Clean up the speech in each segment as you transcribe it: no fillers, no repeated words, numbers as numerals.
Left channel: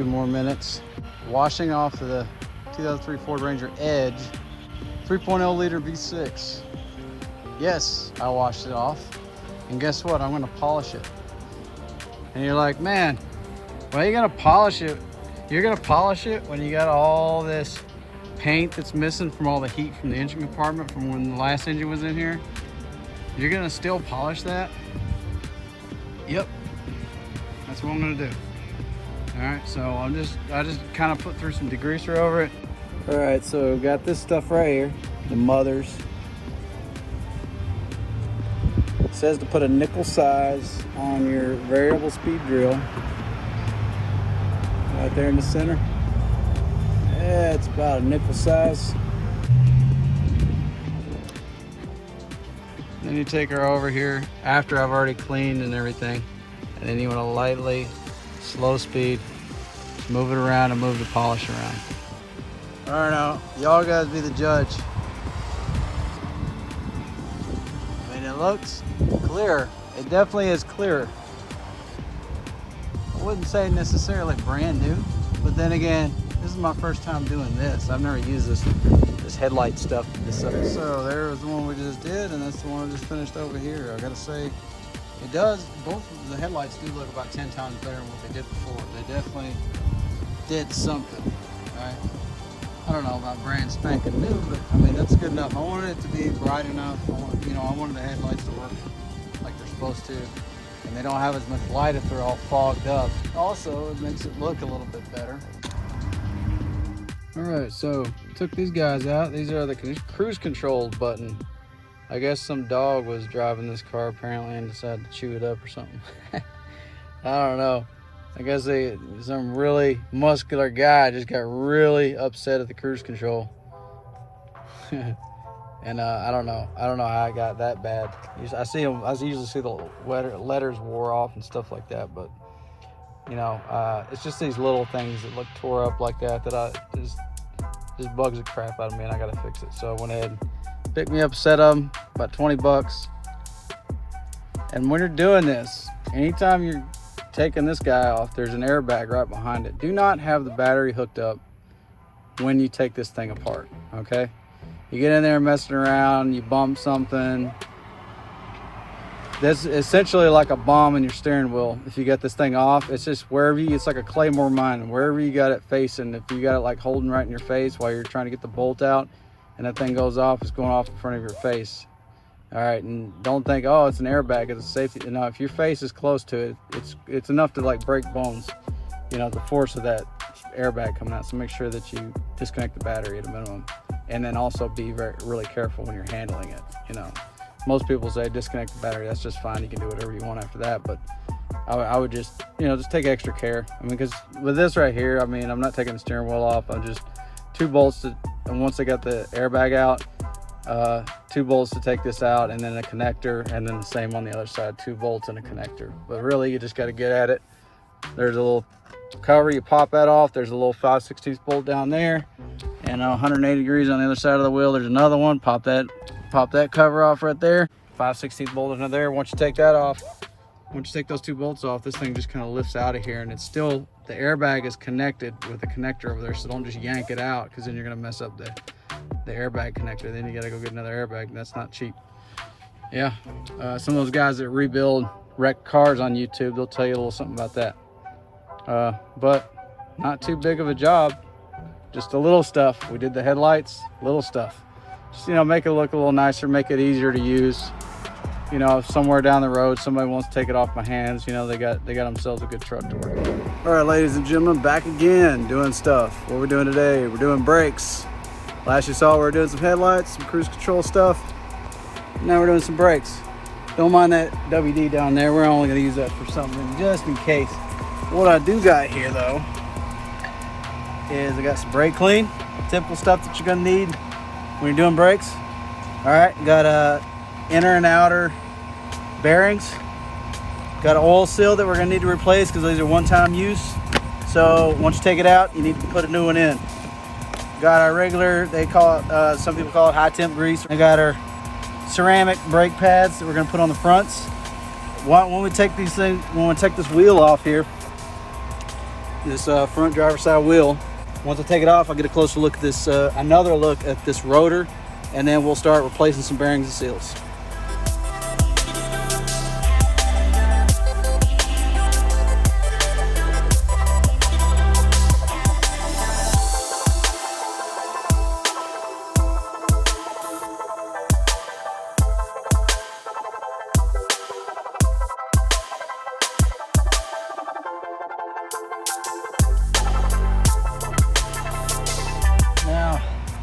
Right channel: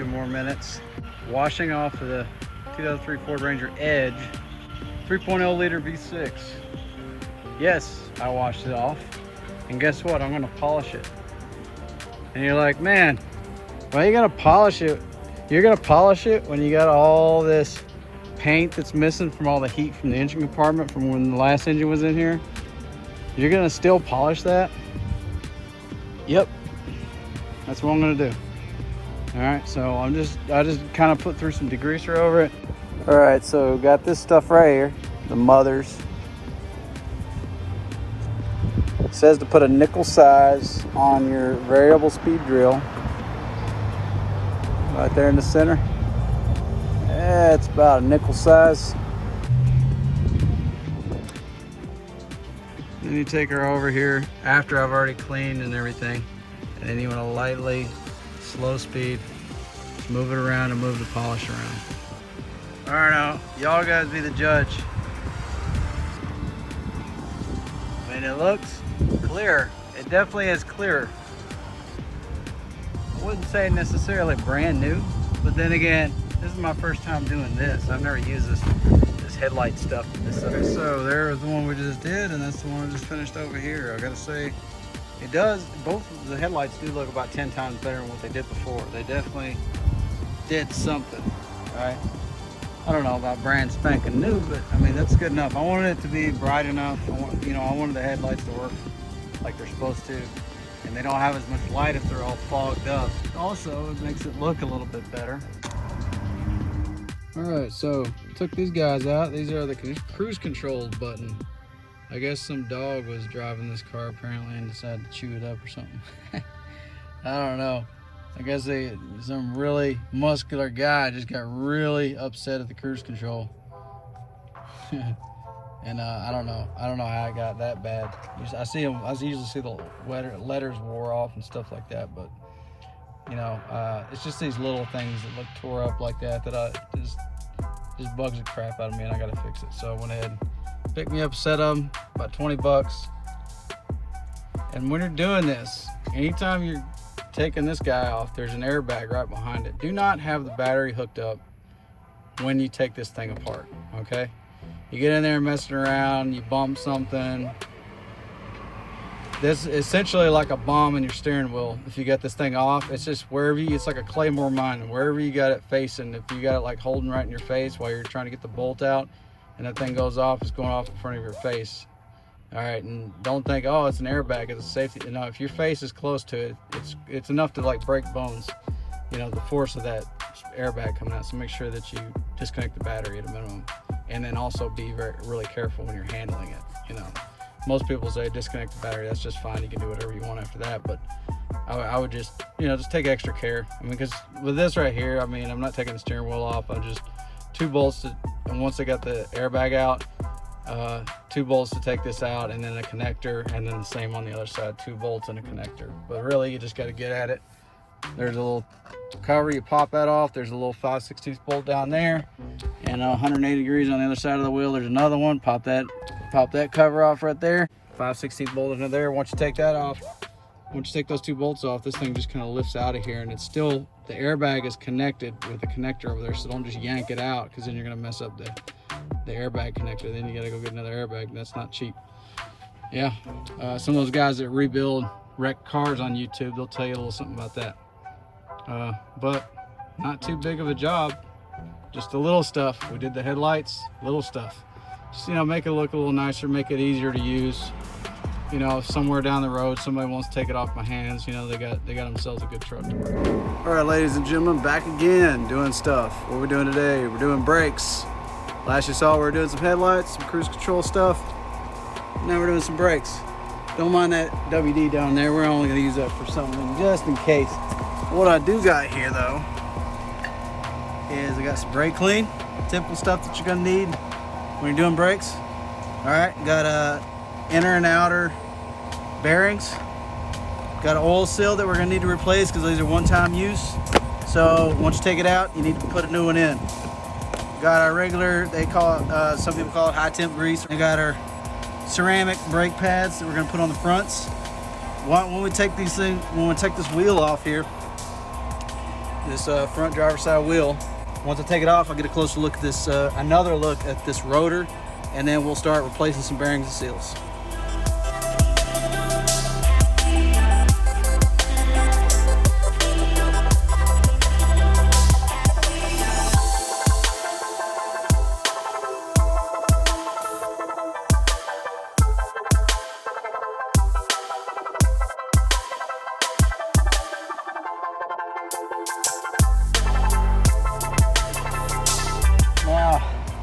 few more minutes washing off the 2003 Ford Ranger Edge 3.0 liter V6. Yes, I washed it off, and guess what? I'm gonna polish it. And you're like, man, why are you gonna polish it? You're gonna polish it when you got all this paint that's missing from all the heat from the engine compartment from when the last engine was in here. You're gonna still polish that? Yep, that's what I'm gonna do. All right, so I just kind of put through some degreaser over it. All right, so got this stuff right here, the mothers. It says to put a nickel size on your variable speed drill. Right there in the center. Yeah, it's about a nickel size. Then you take her over here after I've already cleaned and everything. And then you want to lightly, slow speed, move it around and move the polish around. All right, now, y'all guys be the judge. I mean, it looks clear. It definitely is clear. I wouldn't say necessarily brand new, but then again, this is my first time doing this. I've never used this headlight stuff. So there was the one we just did, and this is the one we just finished over here. I gotta say, it does, both of the headlights do look about 10 times better than what they did before. They definitely did something, right? I don't know about brand spanking new, but I mean, that's good enough. I wanted it to be bright enough. I wanted the headlights to work like they're supposed to. And they don't have as much light if they're all fogged up. Also, it makes it look a little bit better. All right, so took these guys out. These are the cruise control button. I guess some dog was driving this car apparently and decided to chew it up or something. I don't know. I guess some really muscular guy just got really upset at the cruise control. And I don't know how I got that bad. I usually see the letters wore off and stuff like that, but you know, it's just these little things that look tore up like that just bugs the crap out of me, and I gotta fix it. So I went ahead and picked me up a set of them, about 20 bucks. And when you're doing this, anytime you're taking this guy off, there's an airbag right behind it. Do not have the battery hooked up when you take this thing apart, okay? You get in there messing around, you bump something. That's essentially like a bomb in your steering wheel. If you get this thing off, it's just it's like a Claymore mine. Wherever you got it facing, if you got it like holding right in your face while you're trying to get the bolt out and that thing goes off, it's going off in front of your face. All right, and don't think, oh, it's an airbag, it's a safety. No, if your face is close to it, it's enough to like break bones. You know, the force of that airbag coming out. So make sure that you disconnect the battery at a minimum. And then also be really careful when you're handling it. You know, most people say disconnect the battery. That's just fine. You can do whatever you want after that. But I would just, just take extra care. I mean, because with this right here, I mean, I'm not taking the steering wheel off. I'm just 2 bolts and once I got the airbag out, 2 bolts to take this out, and then a connector, and then the same on the other side, 2 bolts and a connector. But really, you just got to get at it. There's a little cover, you pop that off. There's a little 5/16 bolt down there, and 180 degrees on the other side of the wheel. There's another one. Pop that cover off right there. 5/16 bolt in there. Once you take that off, once you take those 2 bolts off, this thing just kind of lifts out of here, and it's still, the airbag is connected with the connector over there, so don't just yank it out, because then you're going to mess up the airbag connector. Then you got to go get another airbag, and that's not cheap. Yeah, some of those guys that rebuild wrecked cars on YouTube, they'll tell you a little something about that. But not too big of a job, just the little stuff. We did the headlights, little stuff. Just, make it look a little nicer, make it easier to use. If somewhere down the road somebody wants to take it off my hands, they got themselves a good truck to work. All right, ladies and gentlemen, back again doing stuff. What are we doing today? We're doing brakes. Last you saw we were doing some headlights, some cruise control stuff. Now we're doing some brakes. Don't mind that WD down there. We're only gonna use that for something just in case. What I do got here though is I got some brake clean, typical stuff that you're gonna need when you're doing brakes. All right, got inner and outer bearings. Got an oil seal that we're gonna need to replace because these are one-time use. So once you take it out, you need to put a new one in. Got our regular, they call it, some people call it high temp grease. We got our ceramic brake pads that we're gonna put on the fronts. When we take these things, when we take this wheel off here, this front driver's side wheel. Once I take it off, I'll get a closer look at this, another look at this rotor, and then we'll start replacing some bearings and seals.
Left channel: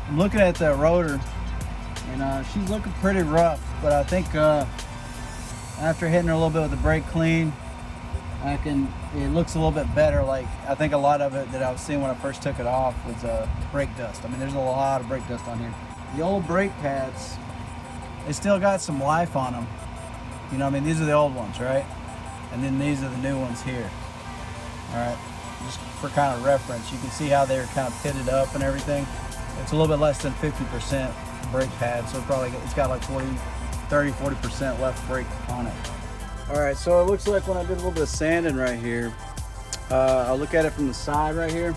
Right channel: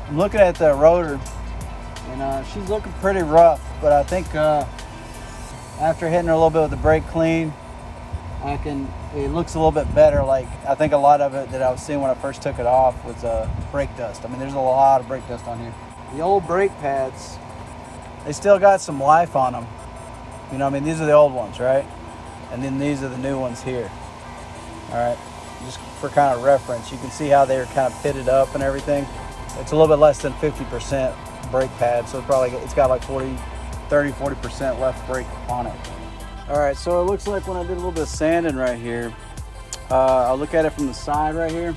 I'm looking at the rotor, and she's looking pretty rough, but I think after hitting her a little bit with the brake clean, it looks a little bit better. Like, I think a lot of it that I was seeing when I first took it off was brake dust. I mean, there's a lot of brake dust on here. The old brake pads, they still got some life on them. You know, I mean, these are the old ones, right? And then these are the new ones here. All right, just for kind of reference, you can see how they're kind of pitted up and everything. It's a little bit less than 50% brake pad, so it's got like 30-40% left brake on it. All right, so it looks like when I did a little bit of sanding right here, I'll look at it from the side right here.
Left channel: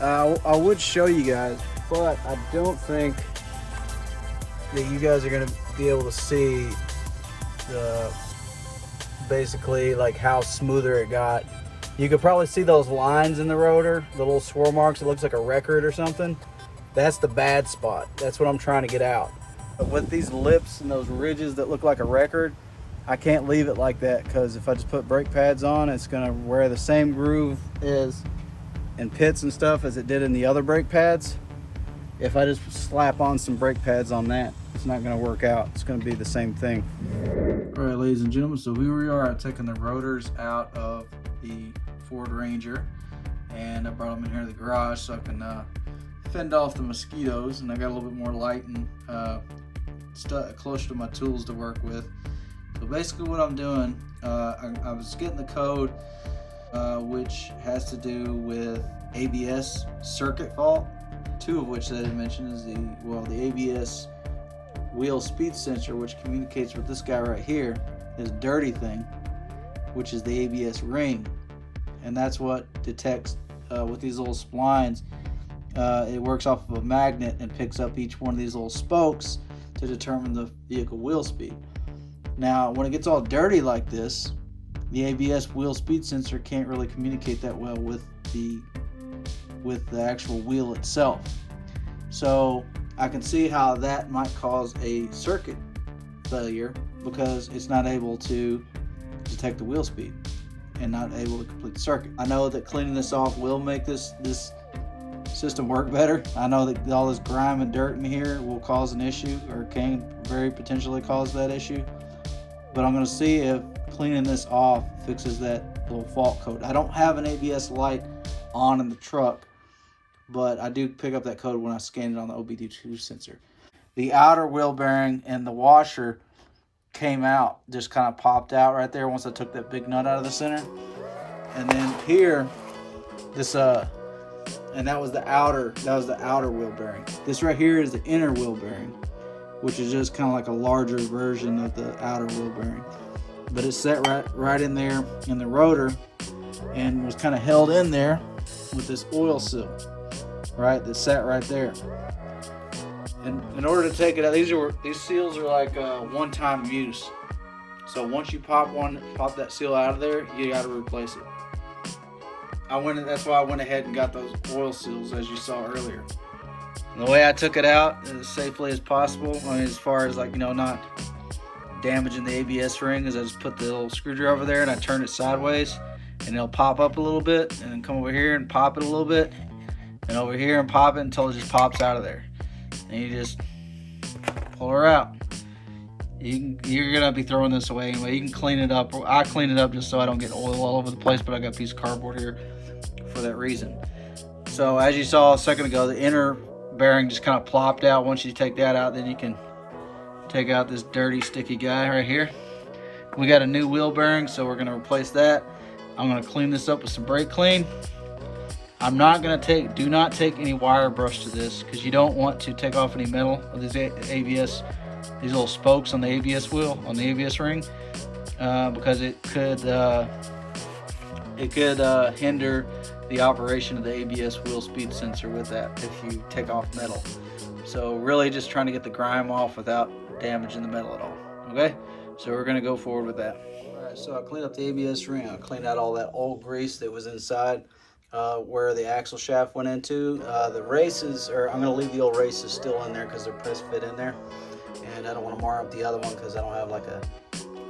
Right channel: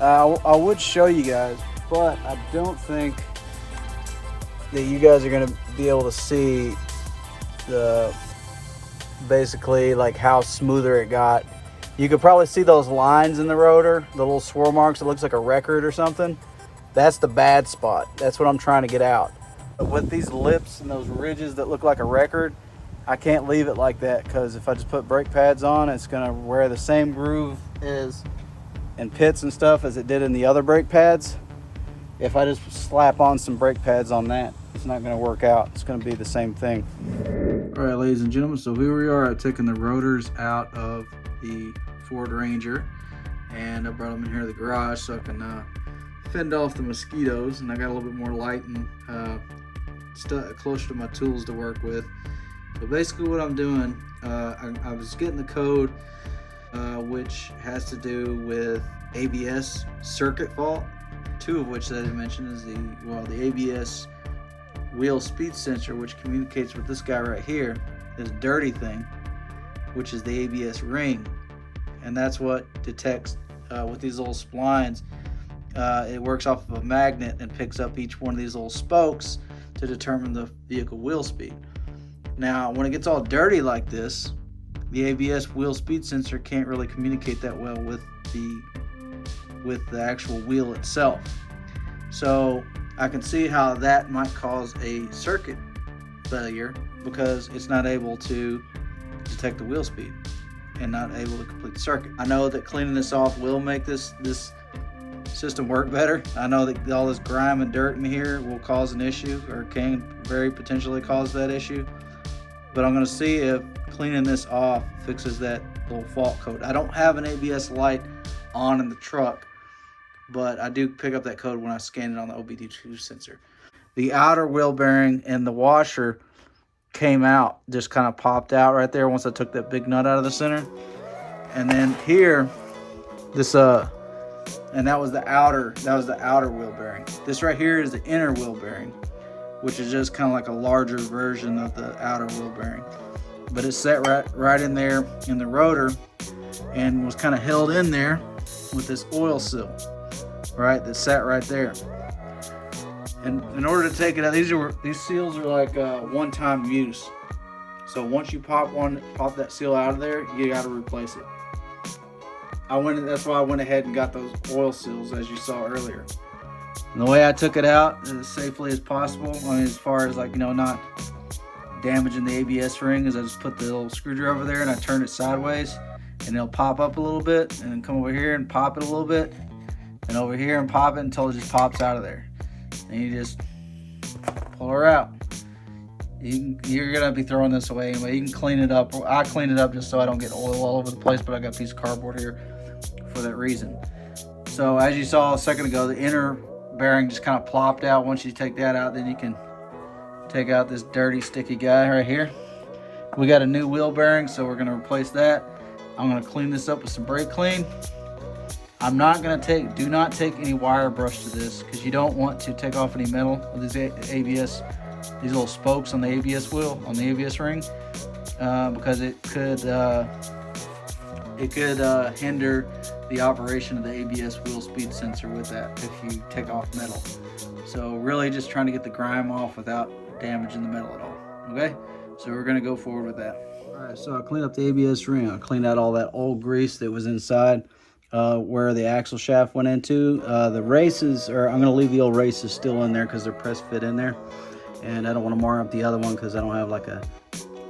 I would show you guys, but I don't think that you guys are gonna be able to see basically like how smoother it got. You could probably see those lines in the rotor, the little swirl marks. It looks like a record or something. That's the bad spot. That's what I'm trying to get out. With these lips and those ridges that look like a record, I can't leave it like that, because if I just put brake pads on, it's gonna wear the same groove and pits and stuff as it did in the other brake pads. If I just slap on some brake pads on that, it's not gonna work out. It's gonna be the same thing. All right, ladies and gentlemen, so here we are at taking the rotors out of the Ford Ranger, and I brought them in here to the garage so I can fend off the mosquitoes, and I got a little bit more light and closer to my tools to work with. But basically what I'm doing, I was getting the code which has to do with ABS circuit fault, two of which I didn't mention is the ABS wheel speed sensor, which communicates with this guy right here, this dirty thing, which is the ABS ring, and that's what detects with these little splines. It works off of a magnet and picks up each one of these little spokes to determine the vehicle wheel speed. Now, when it gets all dirty like this, the ABS wheel speed sensor can't really communicate that well with the actual wheel itself. So I can see how that might cause a circuit failure, because it's not able to detect the wheel speed and not able to complete the circuit. I know that cleaning this off will make this system work better. I know that all this grime and dirt in here will cause an issue, or can very potentially cause that issue, but I'm going to see if cleaning this off fixes that little fault code. I don't have an ABS light on in the truck, but I do pick up that code when I scan it on the OBD2 sensor. The outer wheel bearing and the washer came out, just kind of popped out right there once I took that big nut out of the center. And then here, this and that was the outer wheel bearing. This right here is the inner wheel bearing, which is just kind of like a larger version of the outer wheel bearing. But it's set right in there in the rotor, and was kind of held in there with this oil seal, right? That sat right there. And in order to take it out, these seals are like one-time use. So once you pop that seal out of there, you got to replace it. That's why I went ahead and got those oil seals, as you saw earlier. And the way I took it out as safely as possible, I mean, as far as like, not damaging the ABS ring, is I just put the little screwdriver there and I turn it sideways, and it'll pop up a little bit, and then come over here and pop it a little bit, and over here and pop it until it just pops out of there. And you just pull her out. You're gonna be throwing this away anyway. You can clean it up. I clean it up just so I don't get oil all over the place, but I got a piece of cardboard here for that reason. So as you saw a second ago, the inner bearing just kind of plopped out. Once you take that out, then you can take out this dirty, sticky guy right here. We got a new wheel bearing, so we're gonna replace that. I'm gonna clean this up with some brake clean. I'm not gonna do not take any wire brush to this, because you don't want to take off any metal of these ABS, these little spokes on the ABS wheel, on the ABS ring, because it could hinder the operation of the ABS wheel speed sensor with that if you take off metal. So really just trying to get the grime off without damaging the metal at all. Okay, so we're gonna go forward with that. All right, so I cleaned up the ABS ring. I cleaned out all that old grease that was inside where the axle shaft went into. The races, or I'm gonna leave the old races still in there because they're press fit in there. And I don't want to mar up the other one because I don't have like a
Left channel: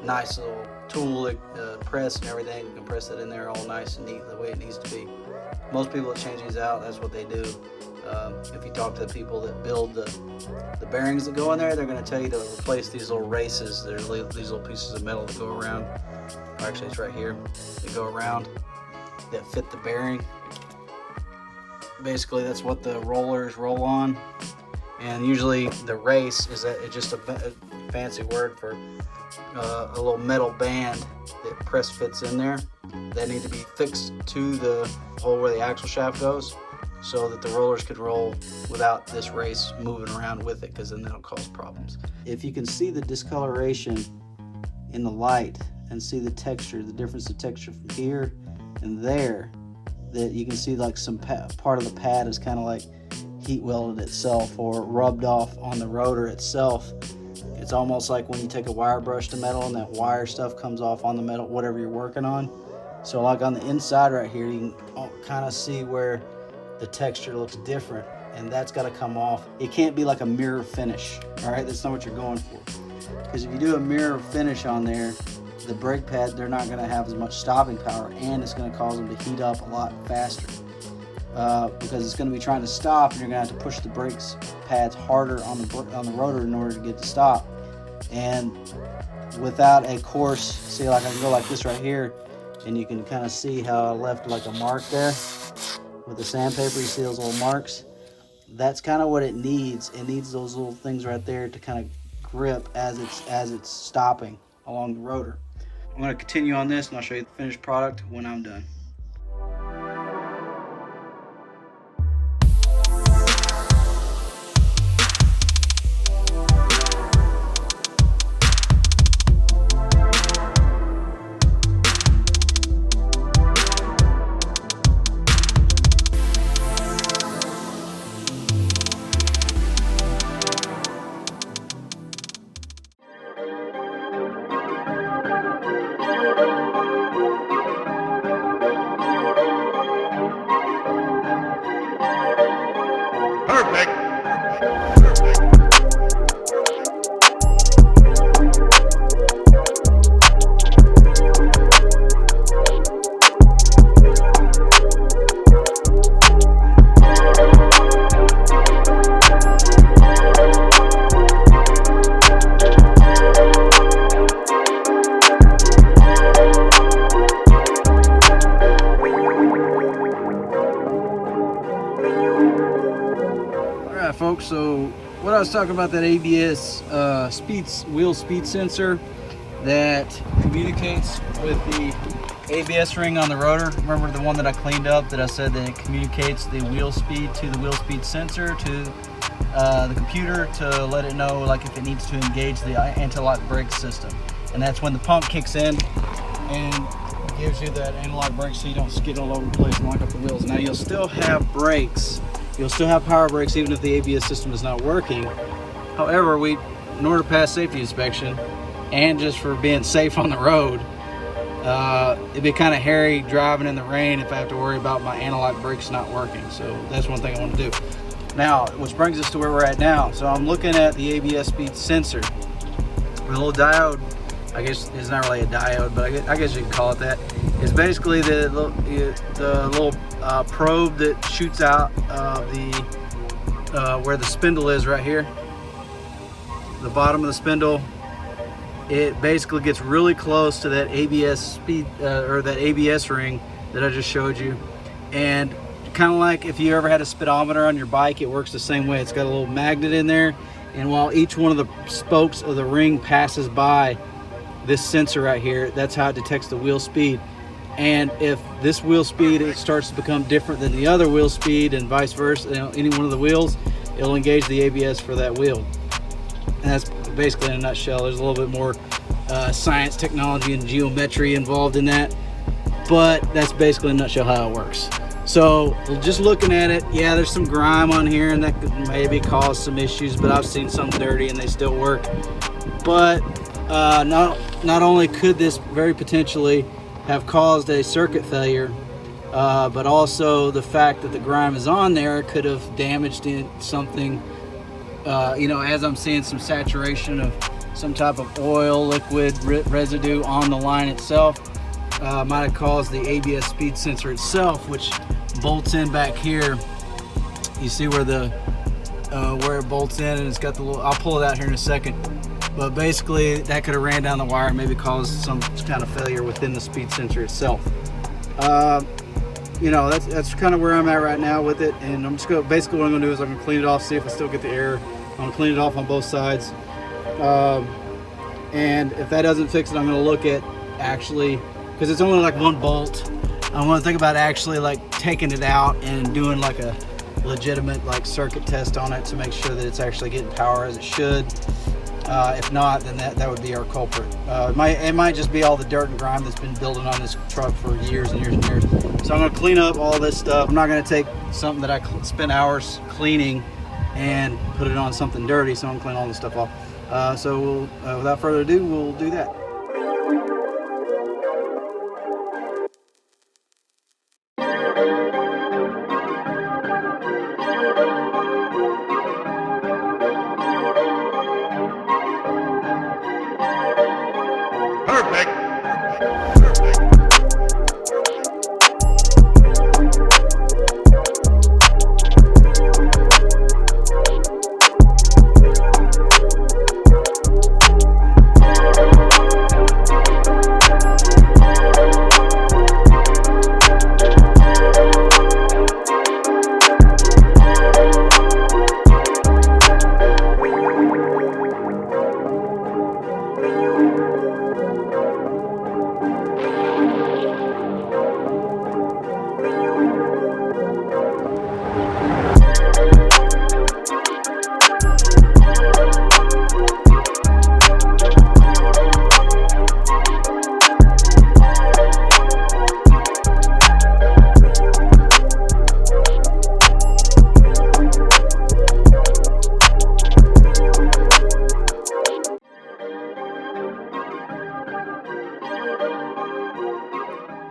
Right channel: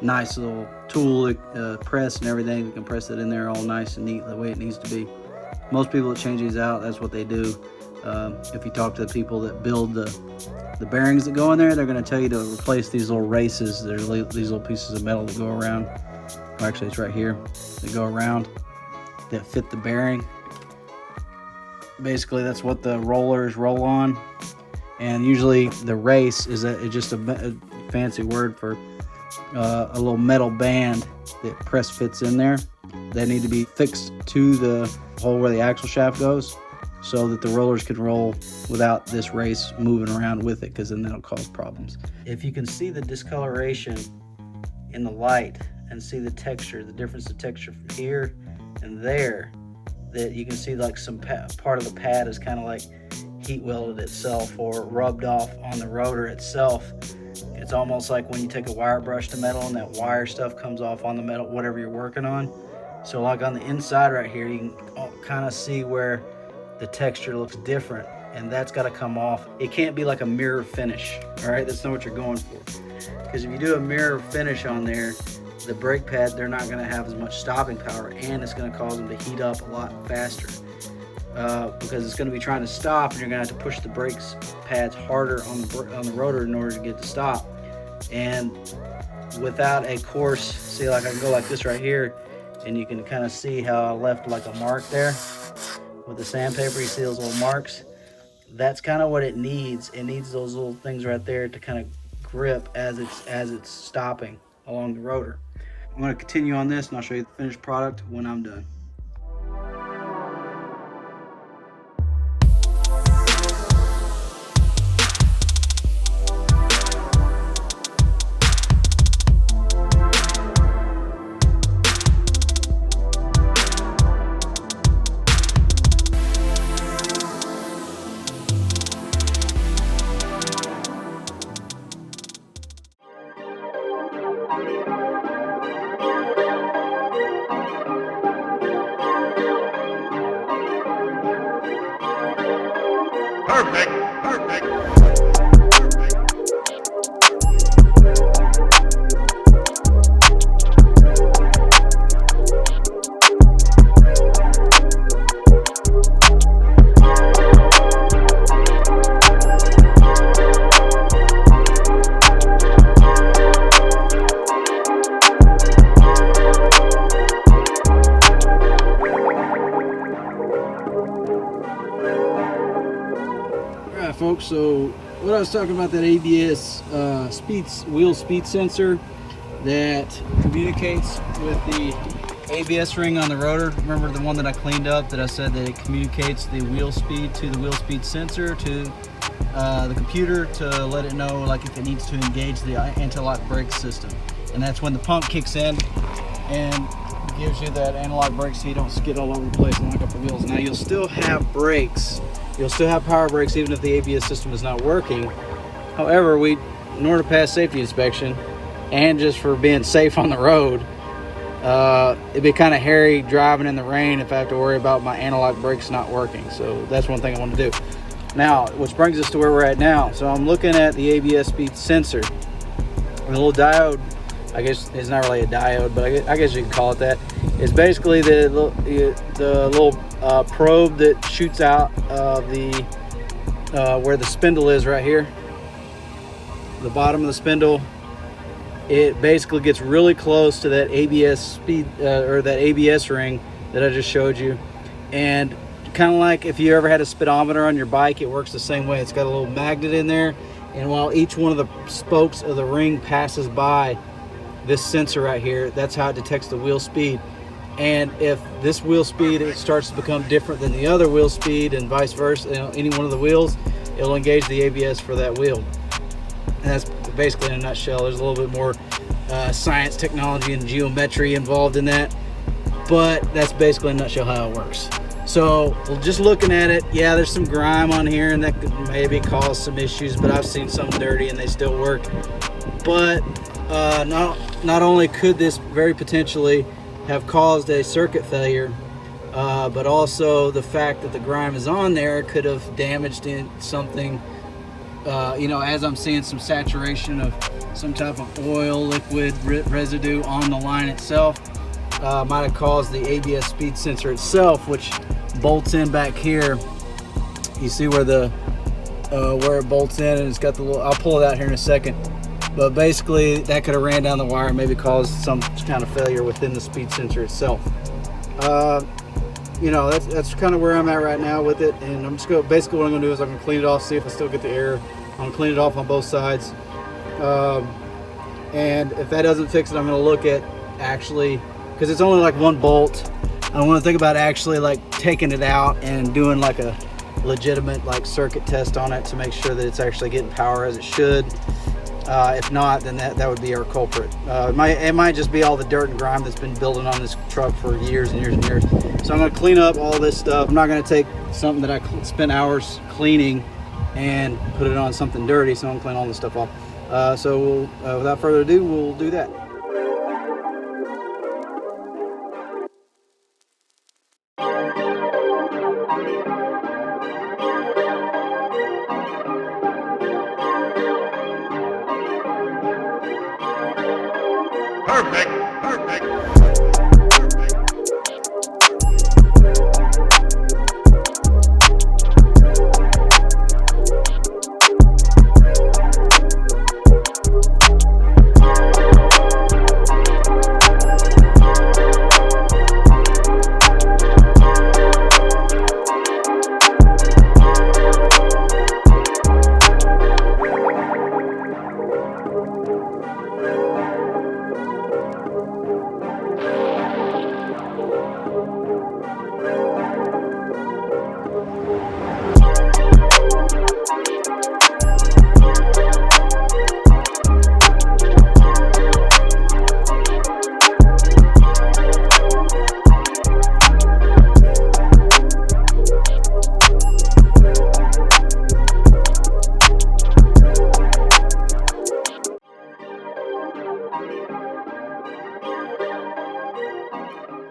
nice little tool press and everything. You can press it in there all nice and neat the way it needs to be. Most people that change these out, that's what they do. If you talk to the people that build the bearings that go in there, they're going to tell you to replace these little races. There's these little pieces of metal that go around. Actually, it's right here. They go around that fit the bearing. Basically, that's what the rollers roll on. And usually the race is just a fancy word for a little metal band that press fits in there that need to be fixed to the hole where the axle shaft goes so that the rollers can roll without this race moving around with it, because then that'll cause problems. If you can see the discoloration in the light and see the texture, the difference of texture from here and there, that you can see like some part of the pad is kind of like heat welded itself or rubbed off on the rotor itself. It's almost like when you take a wire brush to metal and that wire stuff comes off on the metal, whatever you're working on. So like on the inside right here, you can kind of see where the texture looks different, and that's got to come off. It can't be like a mirror finish, all right? That's not what you're going for. Because if you do a mirror finish on there, the brake pad, they're not going to have as much stopping power, and it's going to cause them to heat up a lot faster. Because it's going to be trying to stop, and you're going to have to push the brakes pads harder on the rotor in order to get to stop. And without a coarse, see, like I can go like this right here, and you can kind of see how I left like a mark there with the sandpaper. You see those little marks? That's kind of what it needs. It needs those little things right there to kind of grip as it's stopping along the rotor. I'm going to continue on this, and I'll show you the finished product when I'm done. Perfect. Perfect. Folks, so what I was talking about, that ABS wheel speed sensor that communicates with the ABS ring on the rotor. Remember the one that I cleaned up that I said that it communicates the wheel speed to the wheel speed sensor to the computer to let it know like if it needs to engage the anti-lock brake system. And that's when the pump kicks in and gives you that anti-lock brake so you don't skid all over the place and lock up the wheels. Now you'll still have brakes. You'll still have power brakes even if the ABS system is not working. However, in order to pass safety inspection and just for being safe on the road, it'd be kind of hairy driving in the rain if I have to worry about my anti-lock brakes not working. So that's one thing I want to do. Now, which brings us to where we're at now. So I'm looking at the ABS speed sensor. A little diode, I guess it's not really a diode, but I guess you could call it that. It's basically the little probe that shoots out of where the spindle is right here. The bottom of the spindle. It basically gets really close to that ABS speed or that ABS ring that I just showed you. And kind of like if you ever had a speedometer on your bike, it works the same way. It's got a little magnet in there, and while each one of the spokes of the ring passes by this sensor right here, that's how it detects the wheel speed. And if this wheel speed it starts to become different than the other wheel speed and vice versa, any one of the wheels, it'll engage the ABS for that wheel. And that's basically in a nutshell. There's a little bit more science, technology, and geometry involved in that, but that's basically in a nutshell how it works. So just looking at it, yeah, there's some grime on here and that could maybe cause some issues, but I've seen some dirty and they still work. But not only could this very potentially have caused a circuit failure, but also the fact that the grime is on there could have damaged something. As I'm seeing some saturation of some type of oil, liquid, residue on the line itself, might have caused the ABS speed sensor itself, which bolts in back here. You see where where it bolts in, and it's got the little, I'll pull it out here in a second. But basically that could have ran down the wire and maybe caused some kind of failure within the speed sensor itself. That's kind of where I'm at right now with it, and I'm just going basically what I'm going to do is I'm going to clean it off, see if I still get the air. I'm going to clean it off on both sides, and if that doesn't fix it, I'm going to look at actually, because it's only like one bolt, I want to think about actually like taking it out and doing like a legitimate like circuit test on it to make sure that it's actually getting power as it should. If not, then that would be our culprit. It might just be all the dirt and grime that's been building on this truck for years and years and years. So I'm going to clean up all this stuff. I'm not going to take something that I spent hours cleaning and put it on something dirty, so I'm going to clean all this stuff off. So without further ado, we'll do that. Perfect.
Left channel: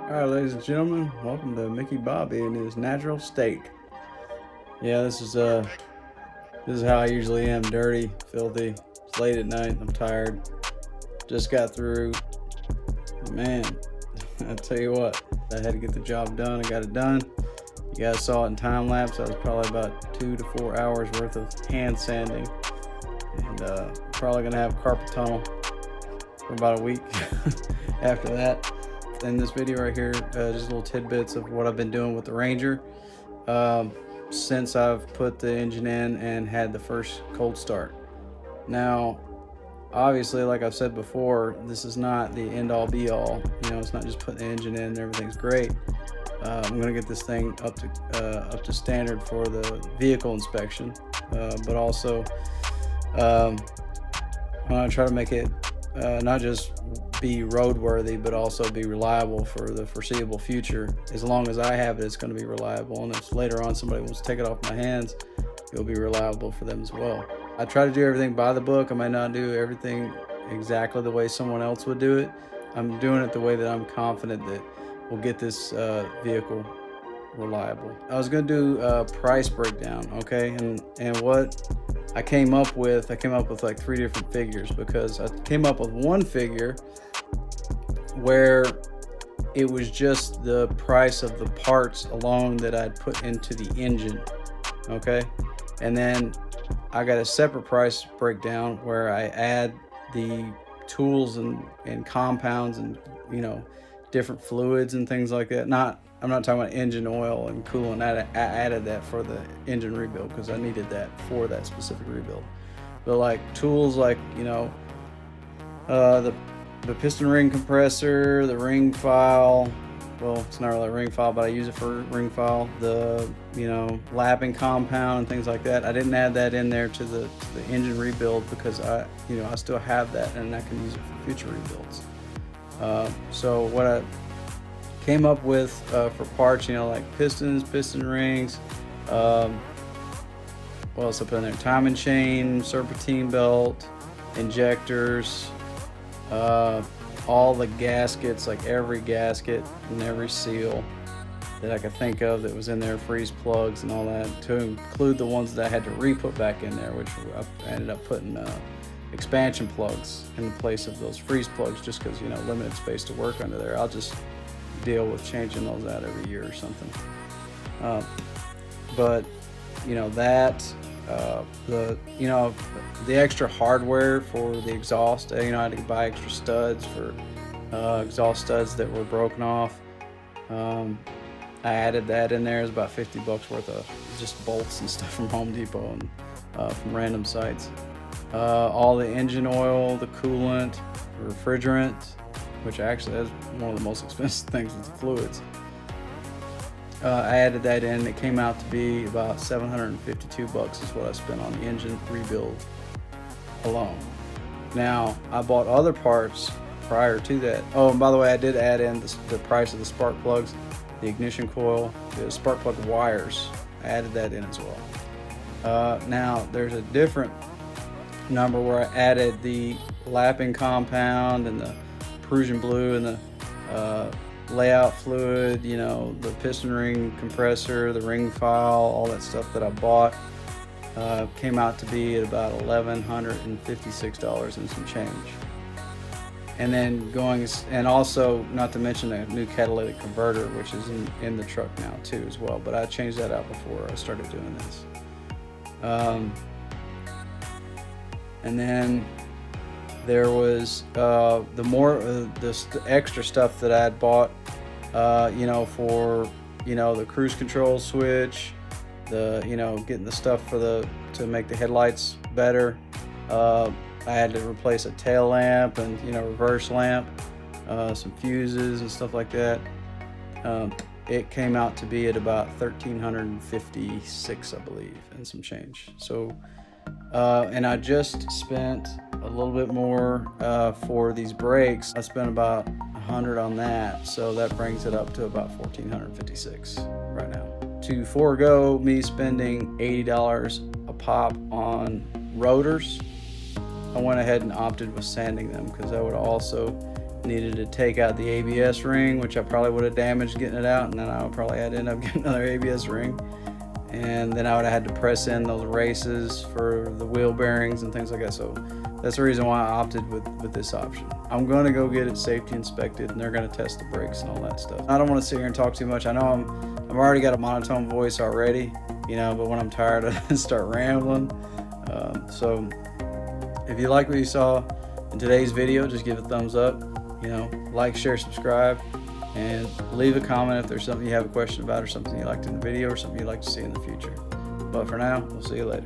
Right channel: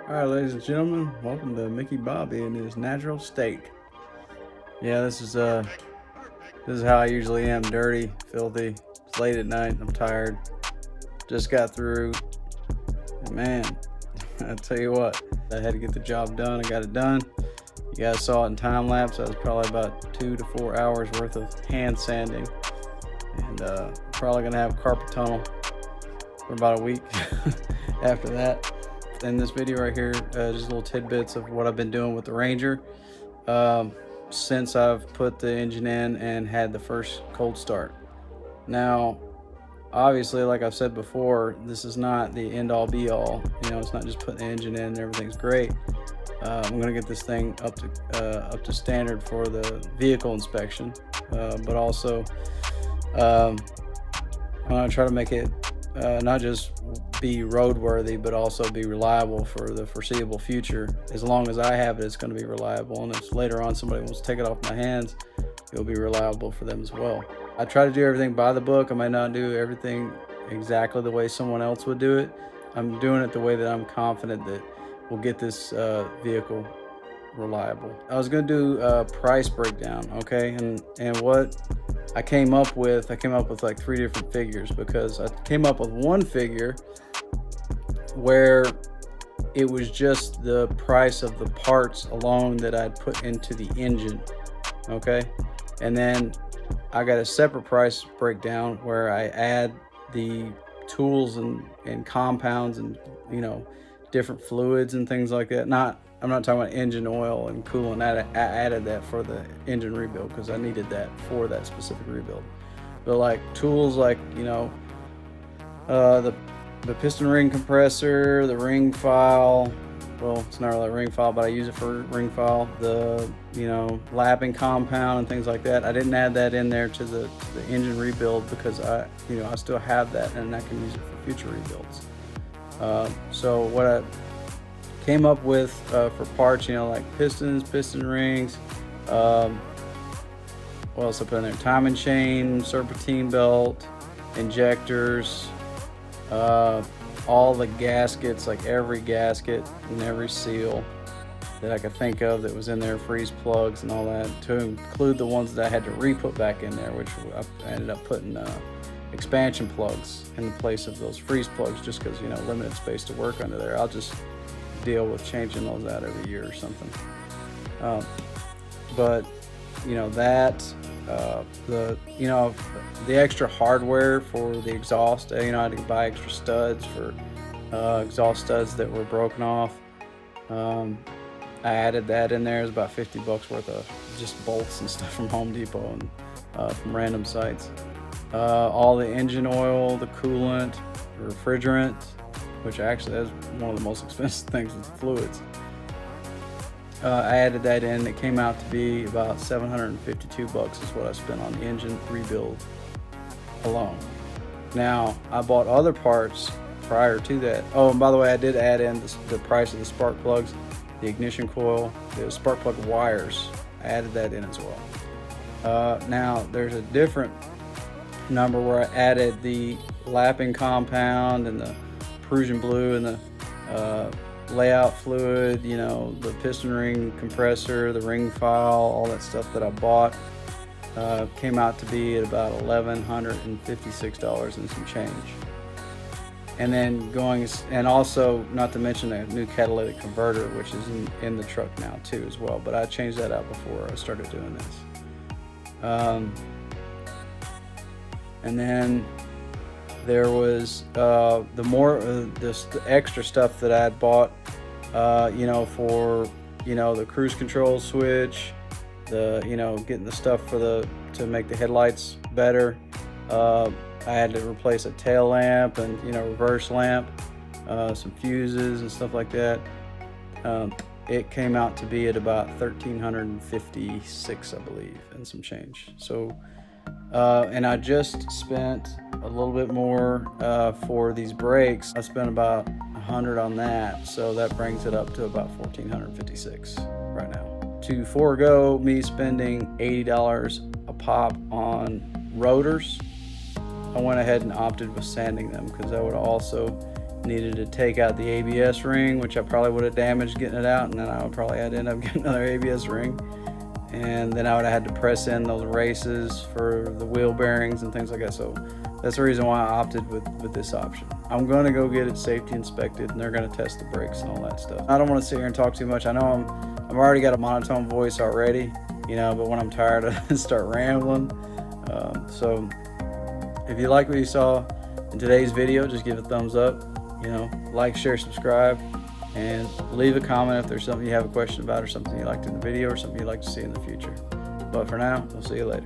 All right, ladies and gentlemen, welcome to Mickey Bobby in his natural state. Yeah, this is how I usually am: dirty, filthy. It's late at night. I'm tired. Just got through. Man, I tell you what, I had to get the job done. I got it done. You guys saw it in time lapse. I was probably about 2 to 4 hours worth of hand sanding, and probably gonna have carpet tunnel for about a week after that. In this video right here, just little tidbits of what I've been doing with the Ranger since I've put the engine in and had the first cold start. Now, obviously, like I've said before, this is not the end all be all. It's not just putting the engine in and everything's great. I'm gonna get this thing up to standard for the vehicle inspection, but also I'm gonna try to make it not just be roadworthy, but also be reliable for the foreseeable future. As long as I have it, it's going to be reliable, and if later on somebody wants to take it off my hands, it'll be reliable for them as well. I try to do everything by the book. I might not do everything exactly the way someone else would do it. I'm doing it the way that I'm confident that we'll get this vehicle reliable. I was going to do a price breakdown, okay, and what I came up with like 3 different figures, because I came up with one figure where it was just the price of the parts alone that I'd put into the engine, okay, and then I got a separate price breakdown where I add the tools and compounds and different fluids and things like that. I'm not talking about engine oil and coolant. I added that for the engine rebuild because I needed that for that specific rebuild. But like tools like, the piston ring compressor, the ring file. Well, it's not really a ring file, but I use it for ring file. The, lapping compound and things like that. I didn't add that in there to the engine rebuild because I still have that and I can use it for future rebuilds. So what I came up with for parts, you know, like pistons, piston rings, what else I put in there? Timing chain, serpentine belt, injectors, all the gaskets, like every gasket and every seal that I could think of that was in there, freeze plugs and all that, to include the ones that I had to re-put back in there, which I ended up putting expansion plugs in the place of those freeze plugs, just because, you know, limited space to work under there. I'll just deal with changing those out every year or something. But you know, that the extra hardware for the exhaust, you know, I had to buy extra studs for exhaust studs that were broken off. I added that in there. It was about $50 worth of just bolts and stuff from Home Depot and from random sites. All the engine oil, the coolant, the refrigerant, which actually is one of the most expensive things with the fluids. I added that in. It came out to be about $752 is what I spent on the engine rebuild alone. Now, I bought other parts prior to that. Oh, and by the way, I did add in the price of the spark plugs, the ignition coil, the spark plug wires. I added that in as well. Now, there's a different number where I added the lapping compound and the Prussian blue and the layout fluid, you know, the piston ring compressor, the ring file, all that stuff that I bought. Came out to be at about $1,156 and some change. And then and also not to mention a new catalytic converter, which is in the truck now too as well, but I changed that out before I started doing this. And then there was the extra stuff that I had bought, you know, for, you know, the cruise control switch, you know, getting the stuff to make the headlights better. I had to replace a tail lamp and, you know, reverse lamp, some fuses and stuff like that. It came out to be at about $1,356, I believe, and some change. So, and I just spent a little bit more for these brakes. I spent about $100 on that, so that brings it up to about $1,456 right now. To forego me spending $80 a pop on rotors, I went ahead and opted with sanding them, because I would also needed to take out the ABS ring, which I probably would have damaged getting it out, and then I would probably had to end up getting another ABS ring, and then I would have had to press in those races for the wheel bearings and things like that. So that's the reason why I opted with this option. I'm going to go get it safety inspected, and they're going to test the brakes and all that stuff. I don't want to sit here and talk too much. I know I've already got a monotone voice already, you know, but when I'm tired I start rambling. So if you like what you saw in today's video, just give it a thumbs up, you know, like, share, subscribe, and leave a comment if there's something you have a question about, or something you liked in the video, or something you'd like to see in the future. But for now, we'll see you later.